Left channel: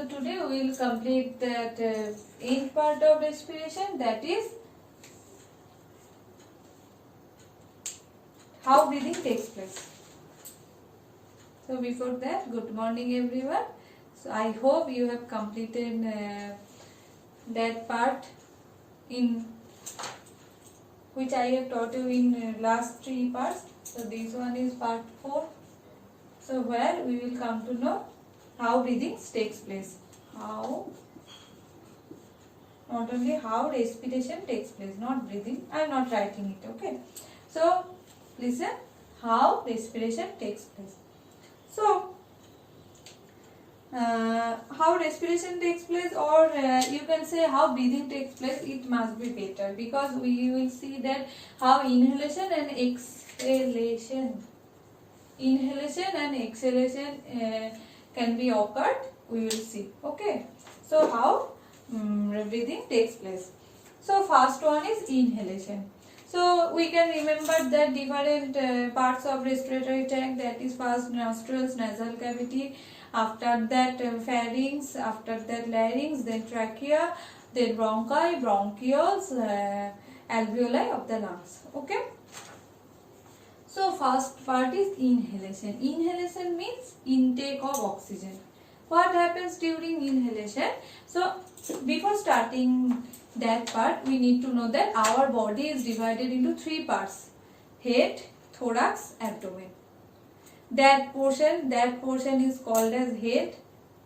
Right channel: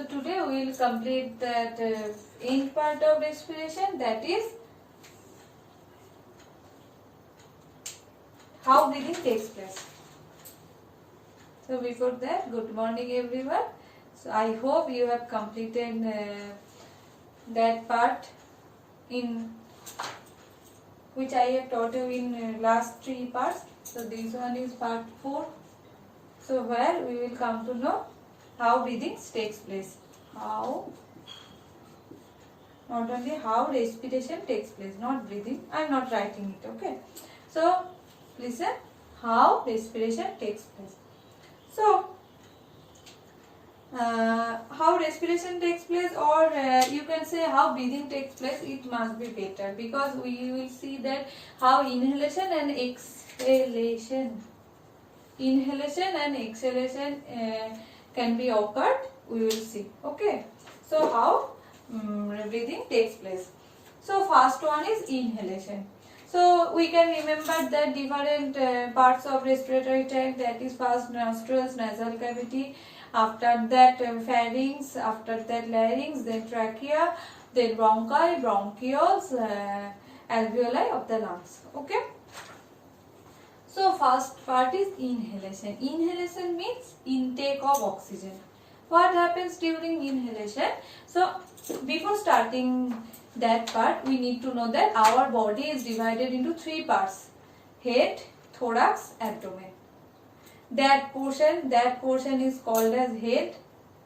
So today we will complete that end part of respiration, that is how breathing takes place. So before that, good morning everyone. So I hope you have completed that part in which I have taught you in last 3 parts. So this one is part 4. So where we will come to know how breathing takes place. How, not only how respiration takes place, not breathing. I am not writing it, okay. So listen, how respiration takes place. So how respiration takes place, or you can say how breathing takes place, it must be better, because we will see that how inhalation and exhalation can be occurred, we will see, okay. So how breathing takes place. So first one is inhalation. So we can remember that different parts of respiratory tract, that is first nostrils, nasal cavity, after that pharynx, after that larynx, then trachea, then bronchi, bronchioles, alveoli of the lungs, okay. So first part is inhalation. Inhalation means intake of oxygen. What happens during inhalation? So before starting that part, we need to know that our body is divided into 3 parts: head, thorax, abdomen. That portion is called as head.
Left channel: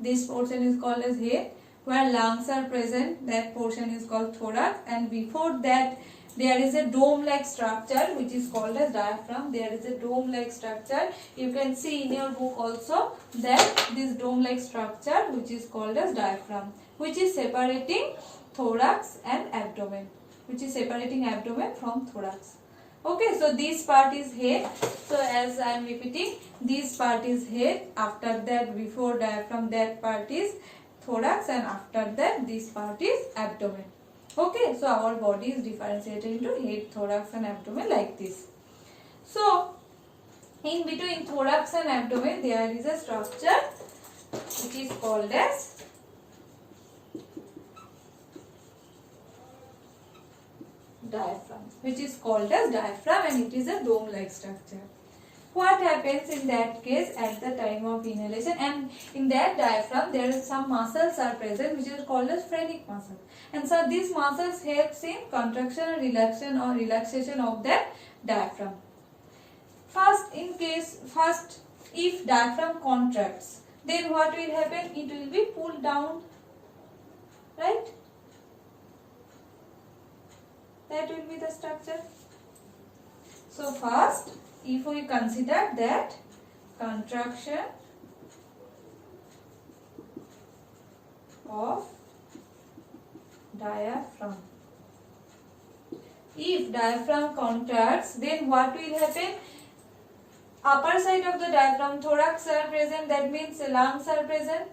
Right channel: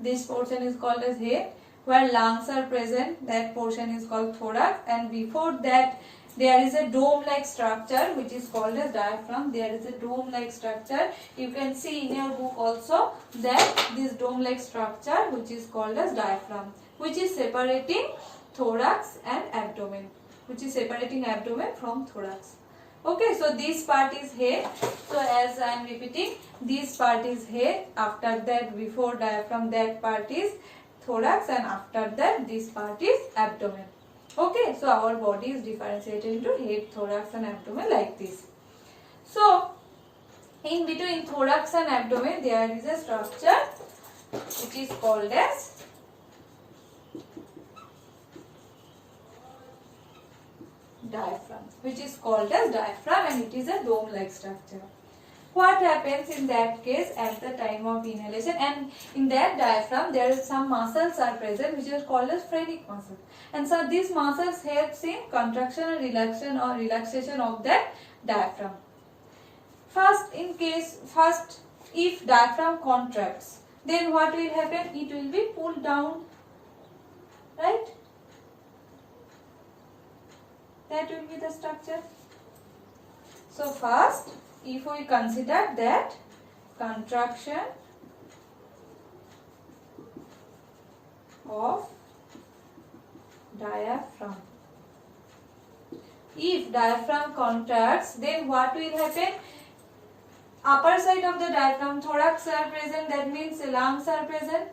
This portion is called as head. Where lungs are present, that portion is called thorax, and before that there is a dome-like structure which is called as diaphragm. There is a dome-like structure. You can see in your book also that this dome-like structure which is called as diaphragm, which is separating thorax and abdomen, which is separating abdomen from thorax. Okay, so this part is head. So as I am repeating, this part is head. After that, before diaphragm, that part is thorax, and after that, this part is abdomen. Okay, so our body is differentiated into head, thorax and abdomen like this. So in between thorax and abdomen, there is a structure which is called as diaphragm, and it is a dome-like structure. What happens in that case at the time of inhalation? And in that diaphragm, there is some muscles are present which is called as phrenic muscle. And so these muscles helps in contraction and relaxation of that diaphragm. First, if diaphragm contracts, then what will happen? It will be pulled down, right? That will be the structure. So first, if we consider that contraction of diaphragm. If diaphragm contracts, then what will happen? Upper side of the diaphragm, thorax are present, that means lungs are present.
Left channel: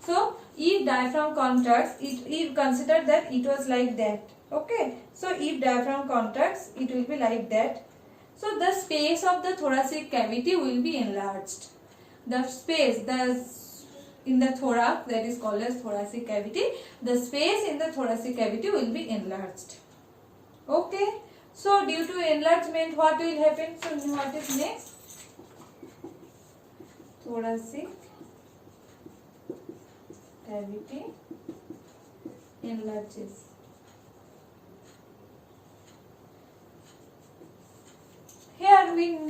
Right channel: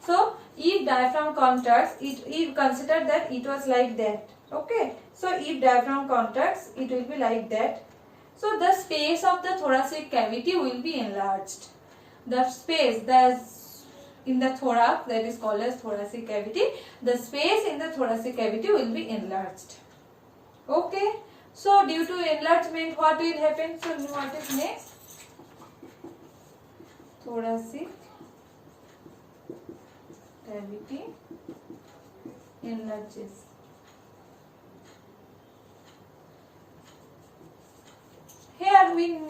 So if diaphragm contracts, if consider that it was like that, okay. So if diaphragm contracts, it will be like that. So the space of the thoracic cavity will be enlarged. The space in the thorax, that is called as thoracic cavity, the space in the thoracic cavity will be enlarged. Okay. So due to enlargement, what will happen? So what is next? Thoracic cavity enlarges. Here we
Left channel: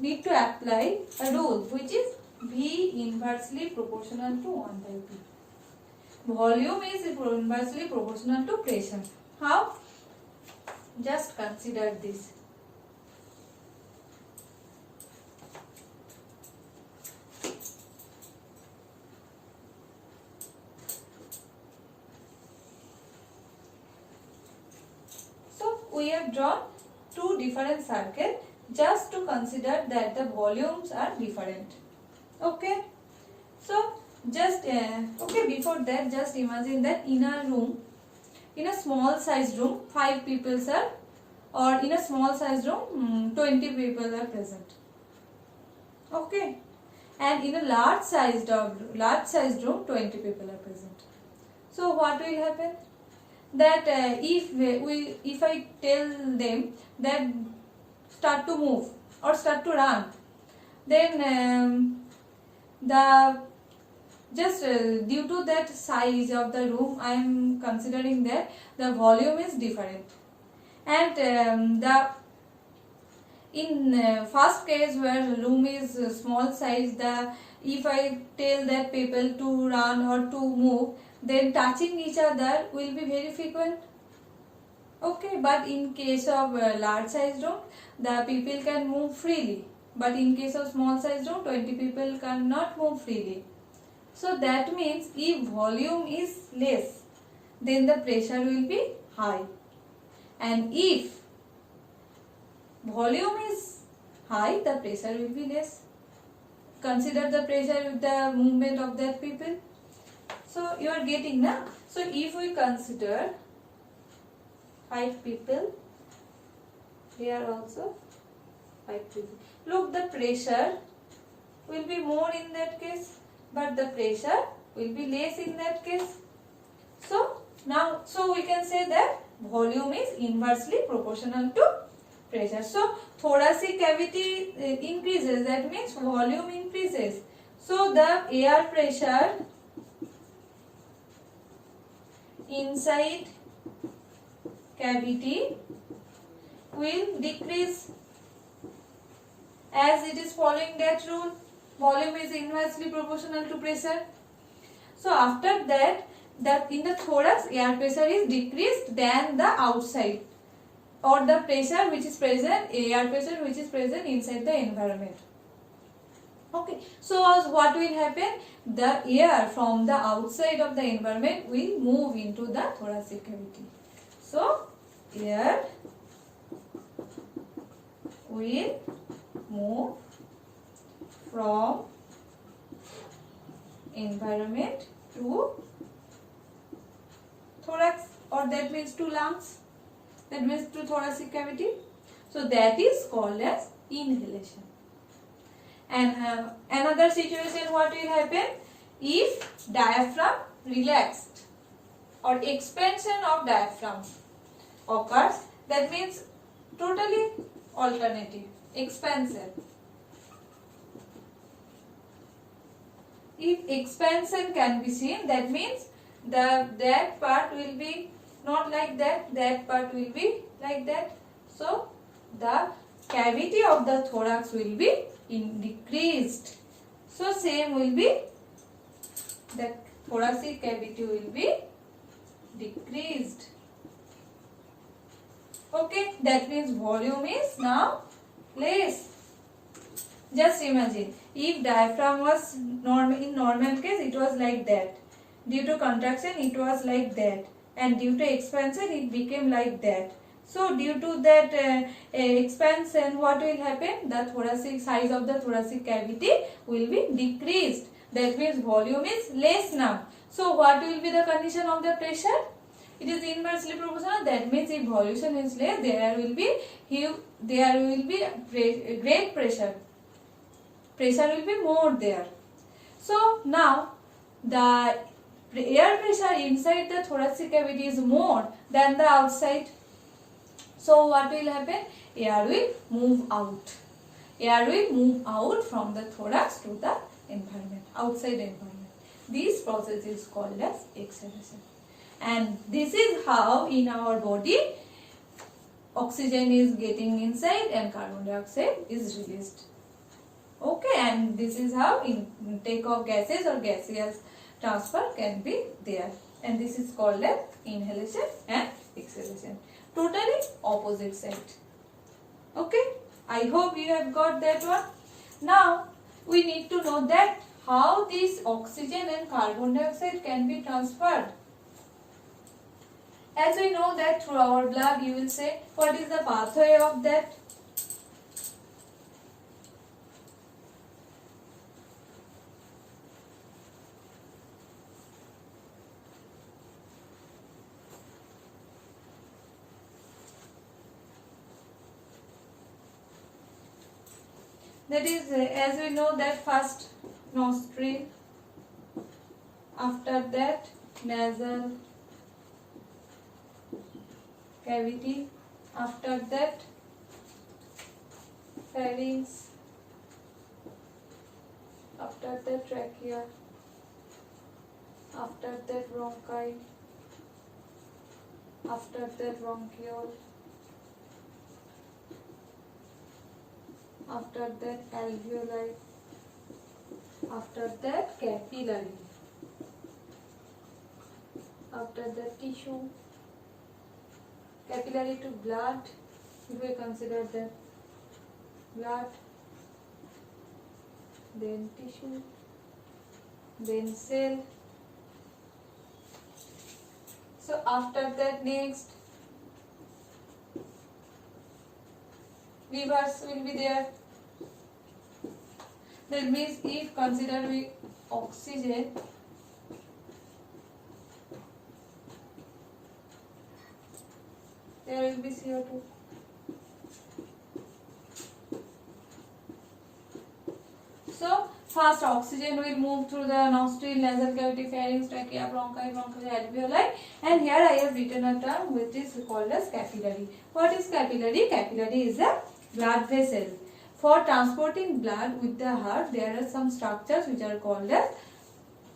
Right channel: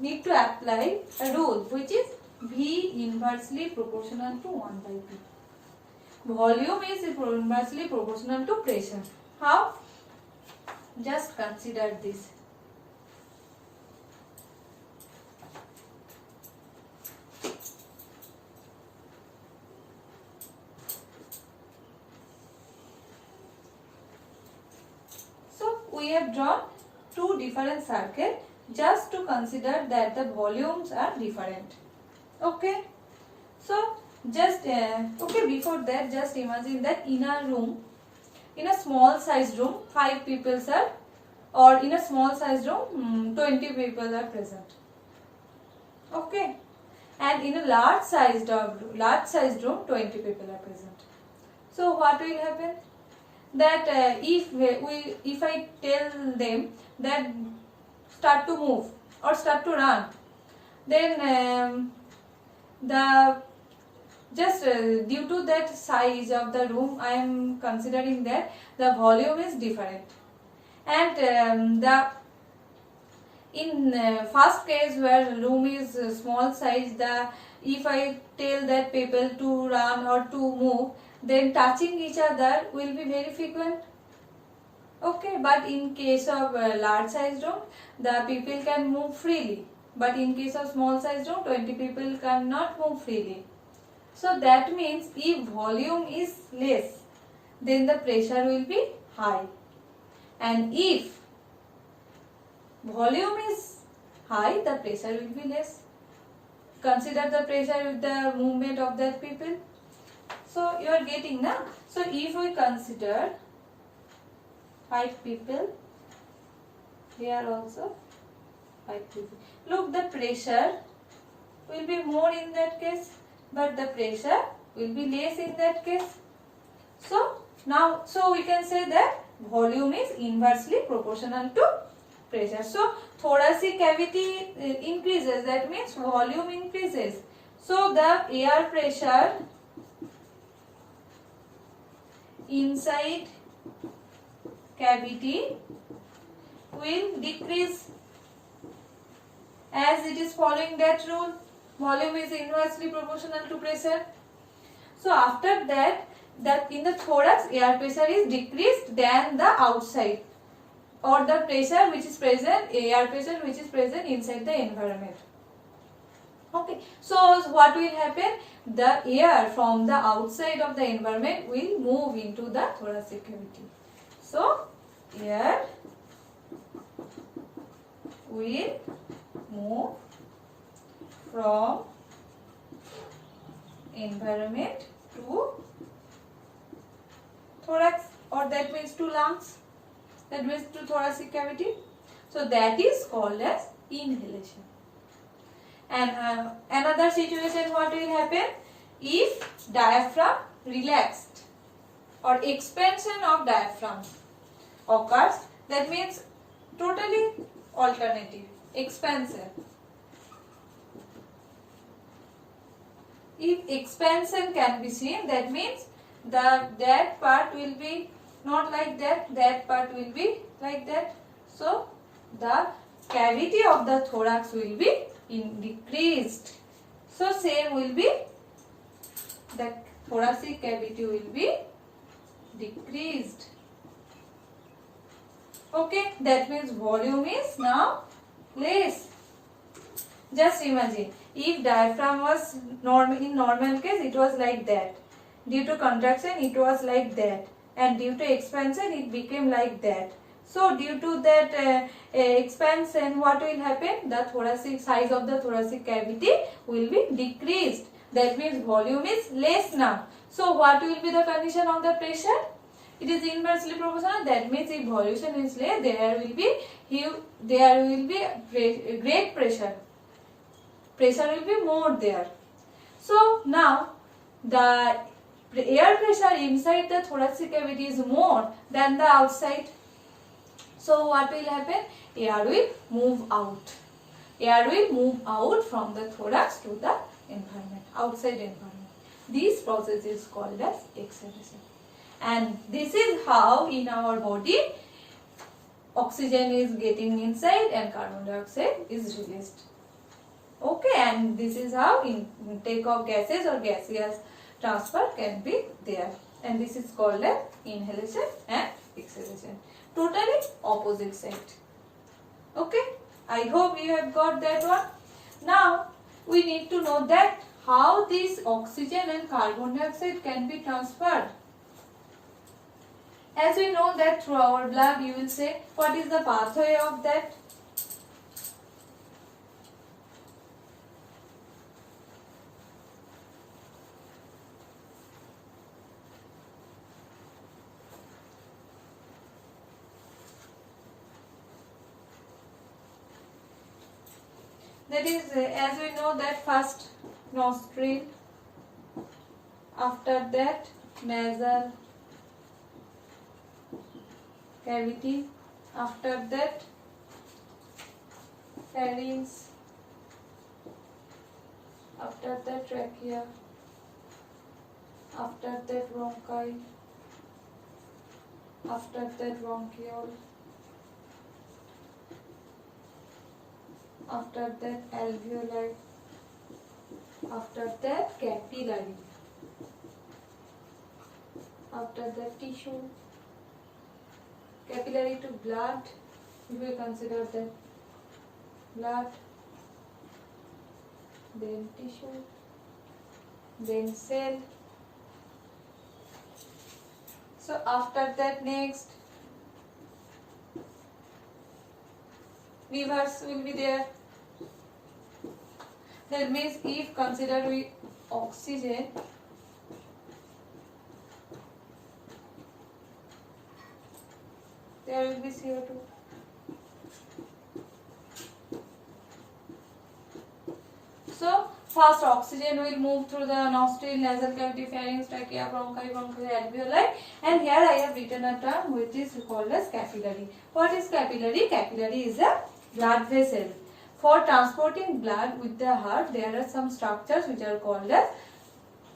need to apply a rule which is V inversely proportional to 1 by P. Volume is inversely proportional to pressure. How? Just consider this. So we have drawn 2 different circles just to consider that the volumes are different. Okay. So just before that, just imagine that in a room, in a small sized room, 5 people are, or in a small sized room, 20 people are present. Okay. and in a large sized room 20 people are present. So what will happen? That if I tell them that start to move or start to run, then the just due to that size of the room, I am considering that the volume is different, and the in first case where room is small size, the if I tell that people to run or to move, then touching each other will be very frequent. Okay, but in case of large size room, the people can move freely, but in case of small size room, 20 people cannot move freely. So that means if volume is less, then the pressure will be high, and if volume is high, the pressure will be less. Consider the pressure with the movement of that people. So you are getting now. So if we consider 5 people, here also 5 people. Look, the pressure will be more in that case, but the pressure will be less in that case. So now, we can say that volume is inversely proportional to pressure. So thoracic cavity increases, that means volume increases. So the air pressure inside cavity will decrease, as it is following that rule. Volume is inversely proportional to pressure. So after that, in the thorax, air pressure is decreased than the outside, or the pressure which is present, air pressure which is present inside the environment. Okay, so what will happen? The air from the outside of the environment will move into the thoracic cavity. So air will move from environment to thorax, or that means to lungs, that means to thoracic cavity. So that is called as inhalation. And another situation, what will happen? If diaphragm relaxed or expansion of diaphragm occurs, that means totally alternative, expansion. If expansion can be seen, that means that part will be not like that part will be like that. So the cavity of the thorax will be decreased. So same will be, the thoracic cavity will be decreased. Okay, that means volume is now less. Just imagine, if diaphragm was in normal case, it was like that. Due to contraction, it was like that, and due to expansion, it became like that. So due to that expansion, what will happen? The thoracic size of the thoracic cavity will be decreased. That means volume is less now. So what will be the condition of the pressure? It is inversely proportional. That means if volume is less, there will be great pressure. Pressure will be more there. So now the air pressure inside the thoracic cavity is more than the outside. So what will happen? Air will move out. Air will move out from the thorax to the environment, outside environment. This process is called as exhalation. And this is how in our body oxygen is getting inside and carbon dioxide is released. Okay, and this is how intake of gases or gaseous transfer can be there. And this is called as inhalation and exhalation. Totally opposite side. Okay, I hope you have got that one. Now we need to know that how this oxygen and carbon dioxide can be transferred. As we know that through our blood, you will say, what is the pathway of that? That is, as we know that first nostril, after that nasal cavity, after that pharynx, after that trachea, after that bronchi, after that bronchiole, after that alveoli, after that capillary, after that tissue, capillary to blood, if we consider that blood, then tissue, then cell. So after that next rivers will be there. That means if considered with oxygen, there will be CO2. So first oxygen will move through the nostril, nasal cavity, pharynx, trachea, bronchi, alveoli, and here I have written a term which is called as capillary. What is capillary? Capillary is a blood vessel. For transporting blood with the heart, there are some structures which are called as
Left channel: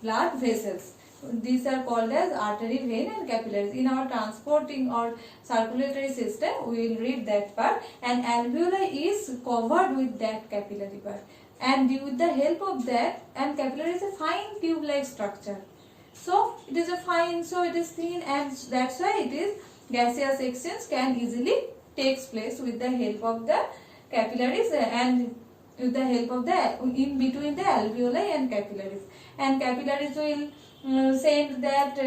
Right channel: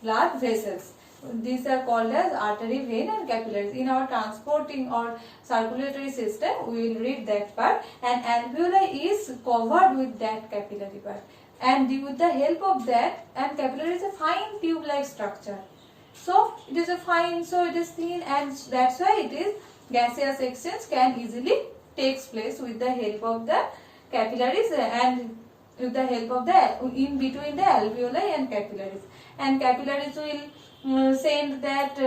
blood vessels. These are called as artery, vein and capillaries. In our transporting or circulatory system, we will read that part, and alveoli is covered with that capillary part. And with the help of that, and capillary is a fine tube-like structure. So it is a fine, so it is thin, and that's why it is gaseous exchange can easily takes place with the help of the capillaries and with the help of the in between the alveoli and capillaries. And capillaries will send that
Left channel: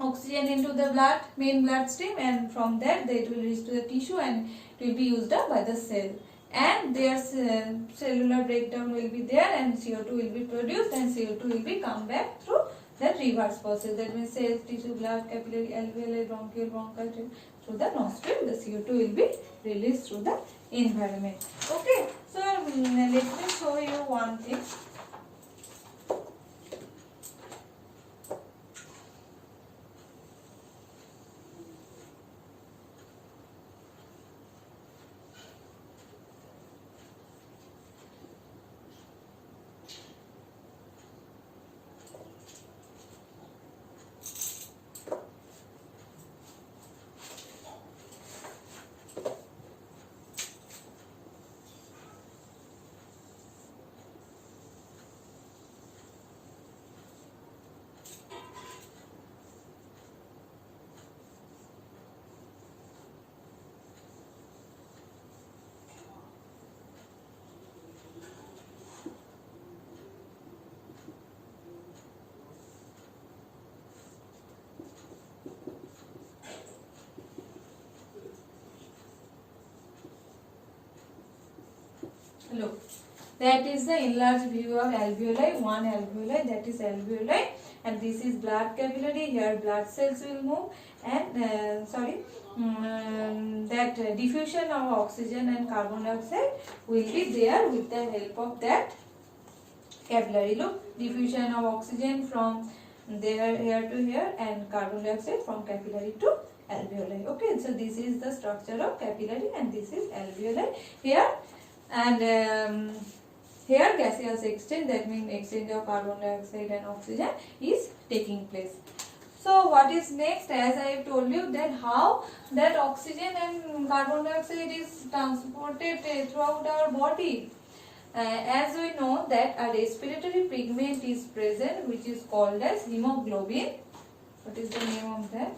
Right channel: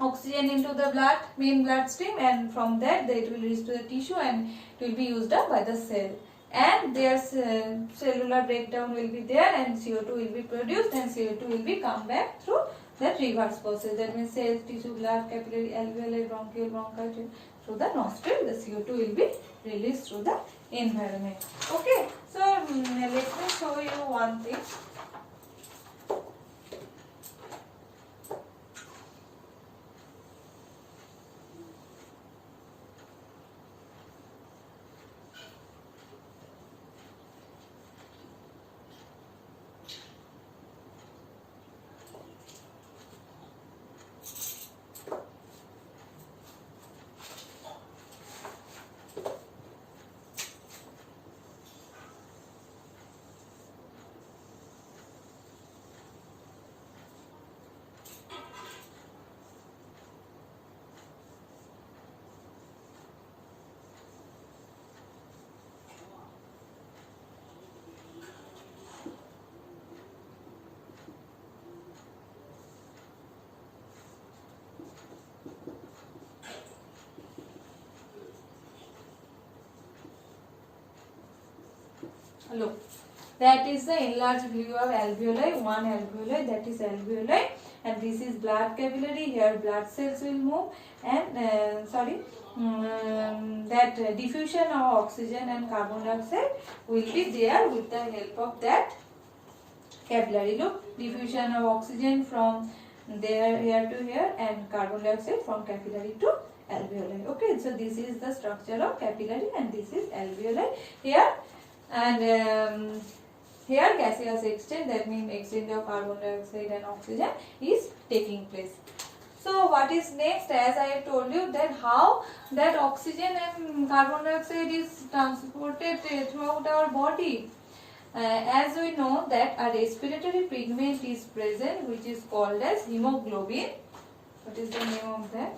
oxygen into the blood, main blood stream, and from that it will reach to the tissue and it will be used up by the cell. And their cellular breakdown will be there, and CO2 will be produced, and CO2 will be come back through that reverse process. That means cells, tissue, blood, capillary, alveoli, bronchiole, bronchi, through the nostril, the CO2 will be released through the environment. Okay, so let me show you one thing. Look, that is the enlarged view of alveoli. One alveoli, that is alveoli, and this is blood capillary. Here blood cells will move, and that diffusion of oxygen and carbon dioxide will be there with the help of that capillary. Look, diffusion of oxygen from there here to here, and carbon dioxide from capillary to alveoli. Okay, so this is the structure of capillary, and this is alveoli here. And here gaseous exchange, that means exchange of carbon dioxide and oxygen is taking place. So what is next? As I have told you that how that oxygen and carbon dioxide is transported throughout our body. As we know that a respiratory pigment is present which is called as hemoglobin. What is the name of that?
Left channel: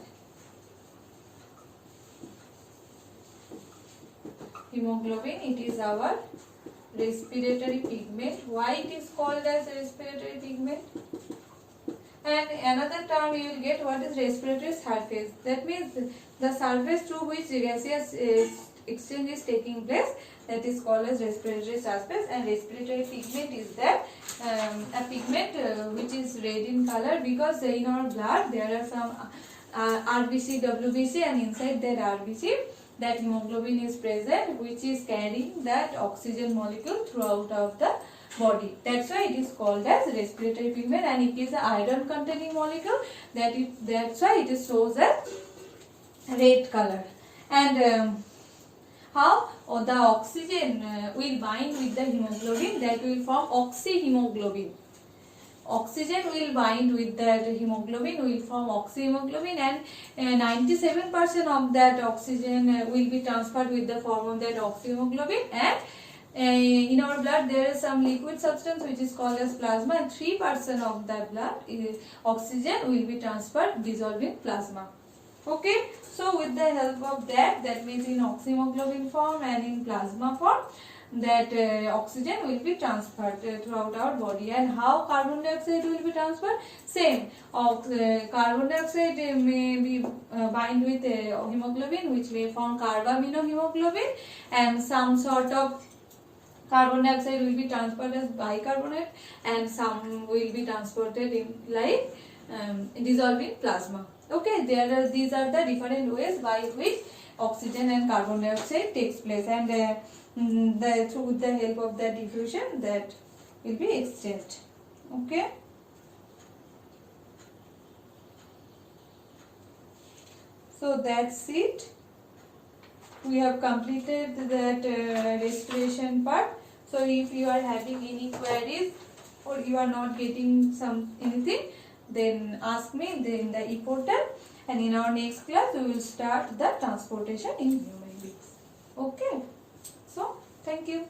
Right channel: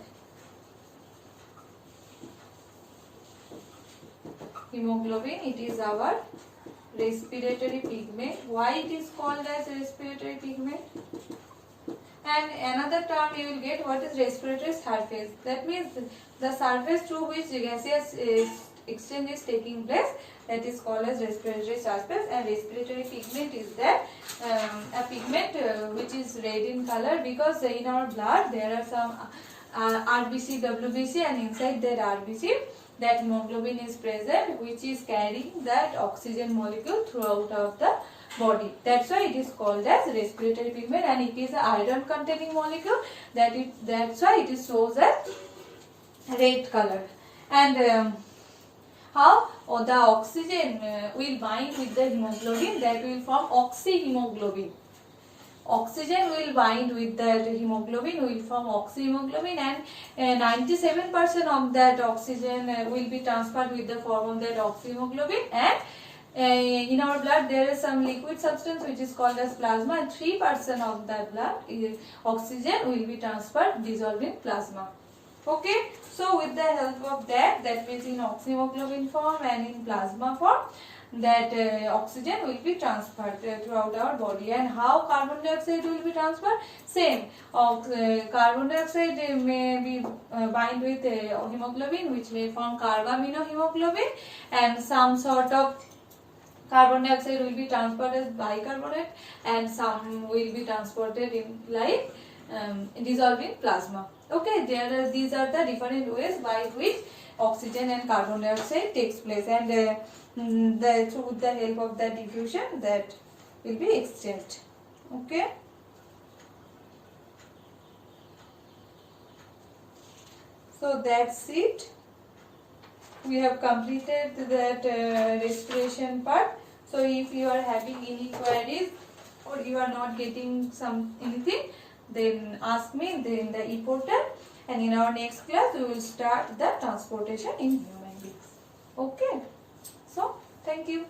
Hemoglobin. It is our respiratory pigment. Why it is called as respiratory pigment? And another term you will get, what is respiratory surface. That means the surface through which gaseous exchange is taking place, that is called as respiratory surface. And respiratory pigment is that a pigment which is red in color, because in our blood there are some RBC, WBC, and inside that RBC that hemoglobin is present, which is carrying that oxygen molecule throughout of the body. That's why it is called as respiratory pigment, and it is an iron containing molecule. That's why it is shows as red color. And how the oxygen will bind with the hemoglobin, that will form oxyhemoglobin. Oxygen will bind with that hemoglobin, will form oxyhemoglobin, and 97% of that oxygen will be transferred with the form of that oxyhemoglobin. And in our blood there is some liquid substance which is called as plasma, and 3% of that blood oxygen will be transferred dissolved in plasma. Okay, so with the help of that means in oxyhemoglobin form and in plasma form, that oxygen will be transferred throughout our body. And how carbon dioxide will be transferred? Same. Carbon dioxide may be bind with hemoglobin, which may form carbaminohemoglobin, and some sort of carbon dioxide will be transferred as bicarbonate, and some will be transported in like dissolved in plasma. Okay, these are the different ways by which oxygen and carbon dioxide takes place, and through the help of the diffusion that will be exchanged. Okay. So that's it. We have completed that respiration part. So if you are having any queries or you are not getting anything, then ask me in the e-portal, and in our next class we will start the transportation in human beings. Okay. So thank you.